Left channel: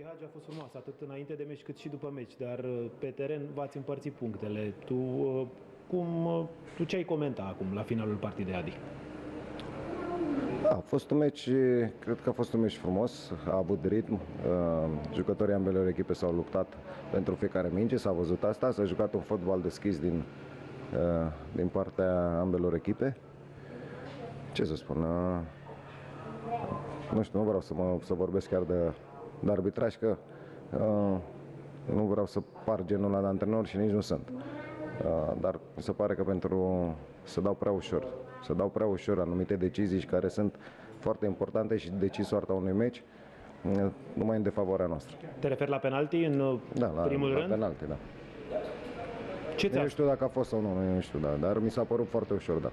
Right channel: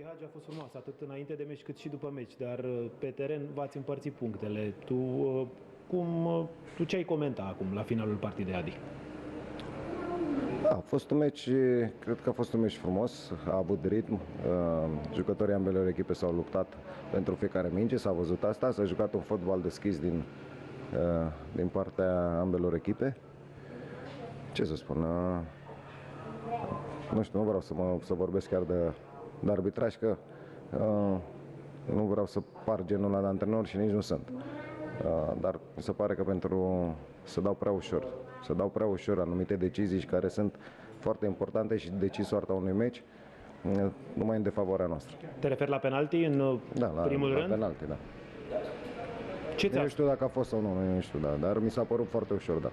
Gheorghe Hagi a fost frumoasă, atât înainte de meci cât și după meci, dar pe teren v-ați împărțit punctele. Tu ce ai comenta acum, la finalul partidei, Adi? Da, a fost un meci, cred că a fost un meci frumos, a avut ritm, jucătorii ambelor echipe s-au luptat pentru fiecare minge, s-a văzut asta, s-a jucat un fotbal deschis din partea ambelor echipe. Ce să spun, nu știu, nu vreau să vorbesc chiar de arbitraj, că nu vreau să par genul ăla de antrenor și nici nu sunt. Dar mi se pare că să dau prea ușor anumite decizii care sunt foarte importante și decid soarta unui meci numai în defavoarea noastră. Te referi la penalti în primul rând? La penalti, da. Nu știu dacă a fost sau nu știu, dar mi s-a părut foarte ușor dat.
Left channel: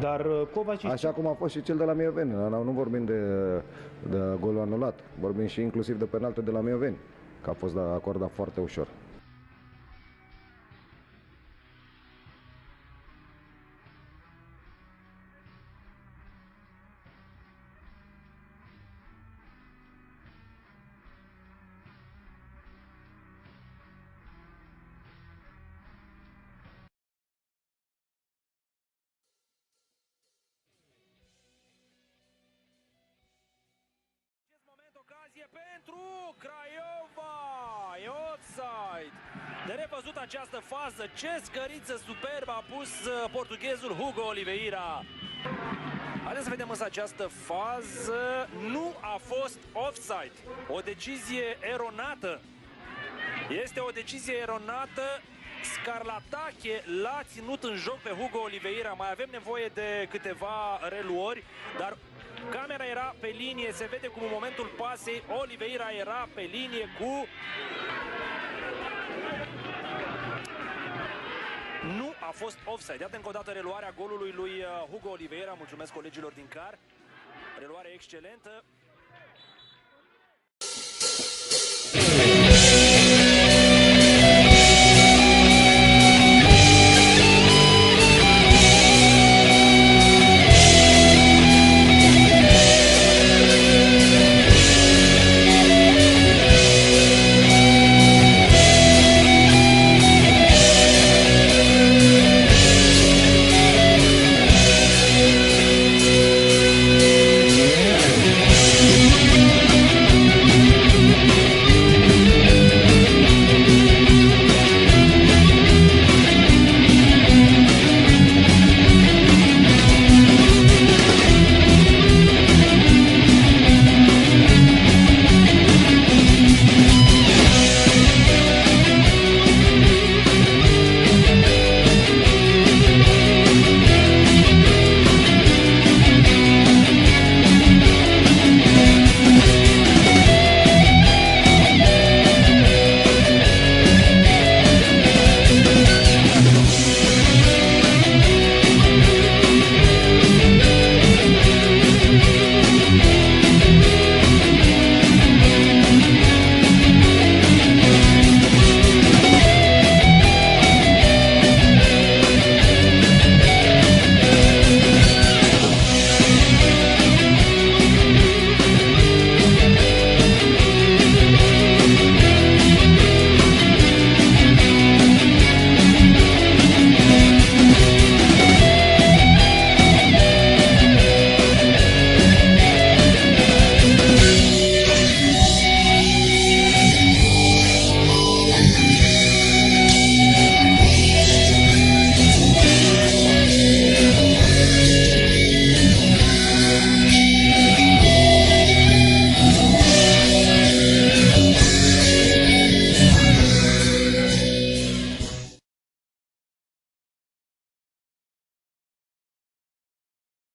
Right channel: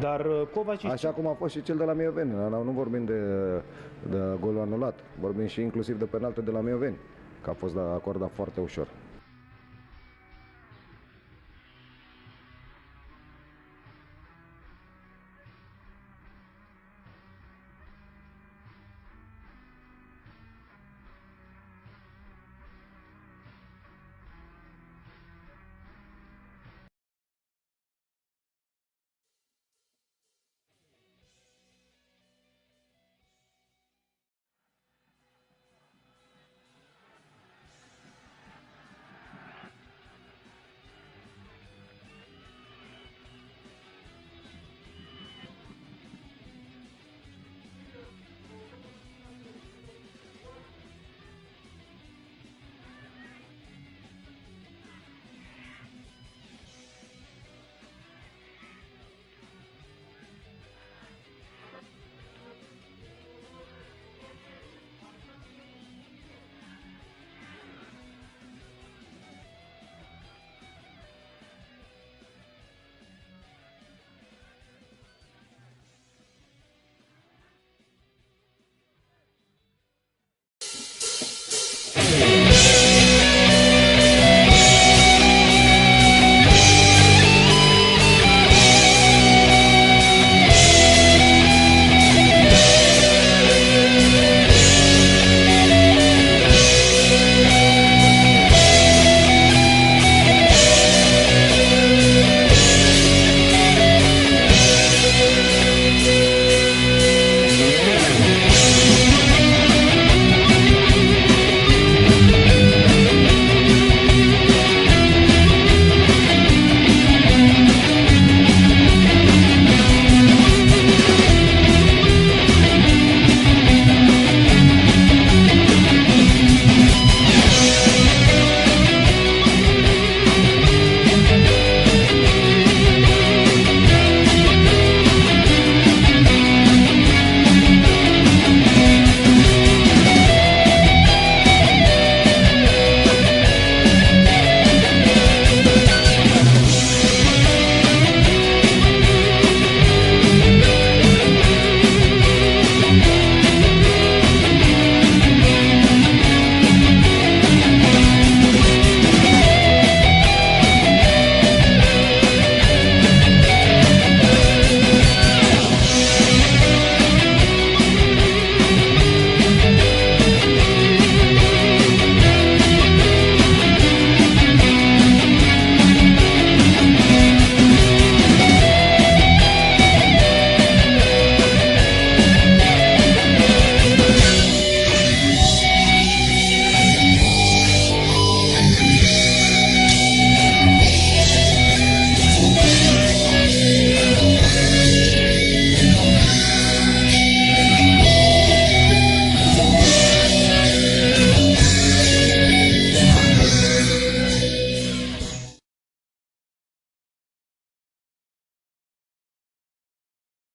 Dar Kovacic... Așa cum a fost și cel de la Mioveni, nu vorbim de golul anulat, vorbim și inclusiv de penalti de la Mioveni, că a fost acordat foarte ușor. Pentru Craiova, e offside. De revăzut această fază, ce scăriță superbă a pus portughezul Hugo Oliveira. Haideți să vedem însă această fază, nu a fost offside. O decizie eronată. Este o decizie eronată. Scarlatache l-a ținut în joc pe Hugo Oliveira. Mai avem nevoie de câteva reluări, dar camera era pe linie, se vede cum în momentul pasei Oliveira era pe linie cu... Nu a fost offside. Iată încă o dată reluarea golului lui Hugo Oliveira. Mulțumesc colegilor din CAR. Reluare excelentă.